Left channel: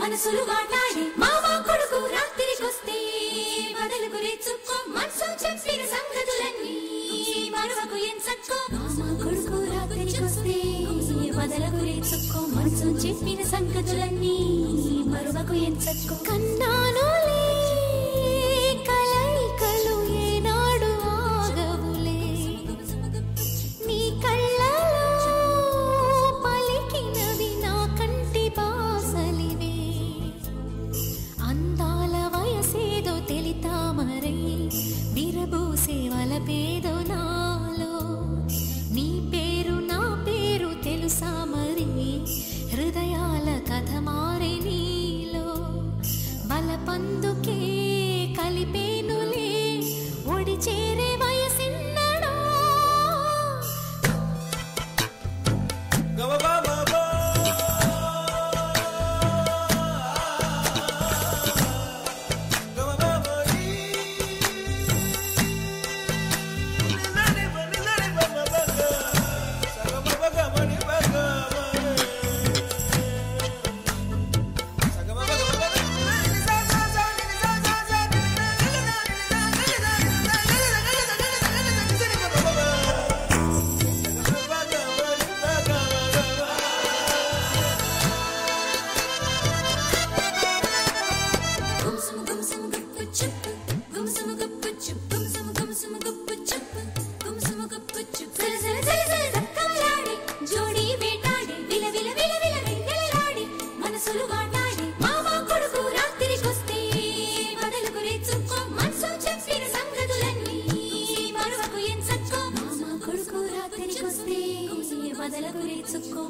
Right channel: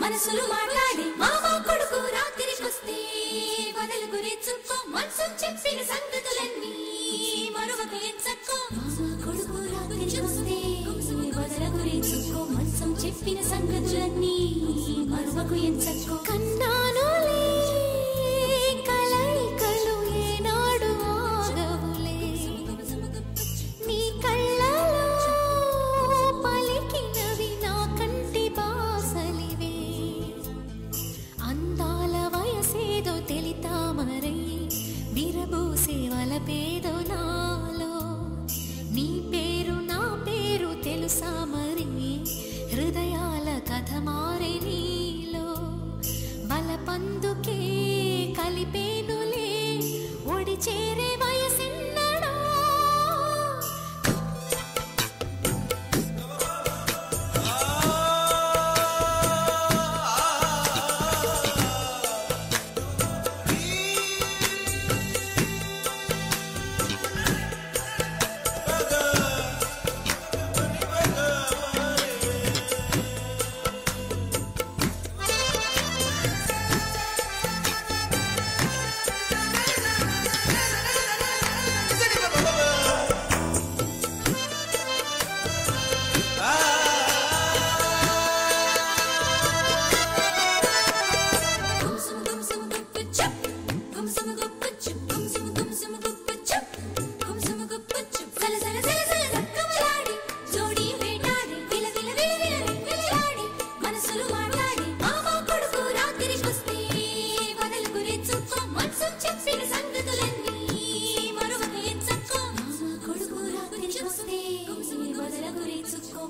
మనసులు మాట్లాడి మావా కొడుకు రాత్రికొస్తే బదలకు రేచుకో మనసు చెప్పిన సంగతులన్నీ మరవకు ఎంచక్కో మావా కొడుకు రాత్రికొస్తే బదలకు రేచుకో మనసు చెప్పిన సంగతులన్నీ మరవకు ఎంచక్కో కన్నానులే కలైకలు ఏనాడు ఆగవులే నీ కళ్ళలో పలికినవి నా కంటి బాసలివే అందాల వయసేదో తెలితామరై విరబూసే వలపేదో నాలో నీ పేరు నా పేరు తెలుసా మరి హృదయాల కథ మారే నీలో బలపందుకే కలిపేనులే ఒడి చేరే వయసిన్నడో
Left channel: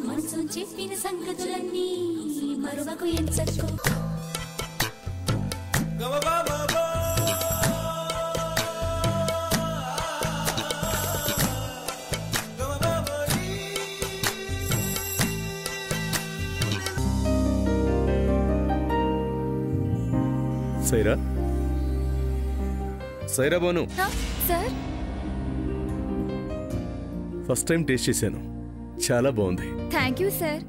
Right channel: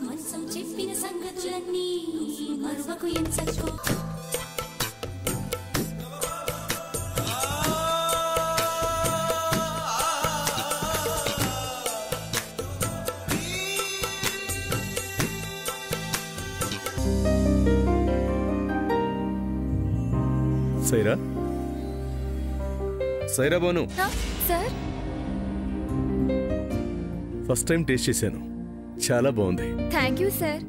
మనసు చెప్పిన సంగతులన్నీ మరువకు ఎంచక్కో సైరా Saira Banu sir first time taste చేశాను చాలా బాగుంది థ్యాంక్ యూ సార్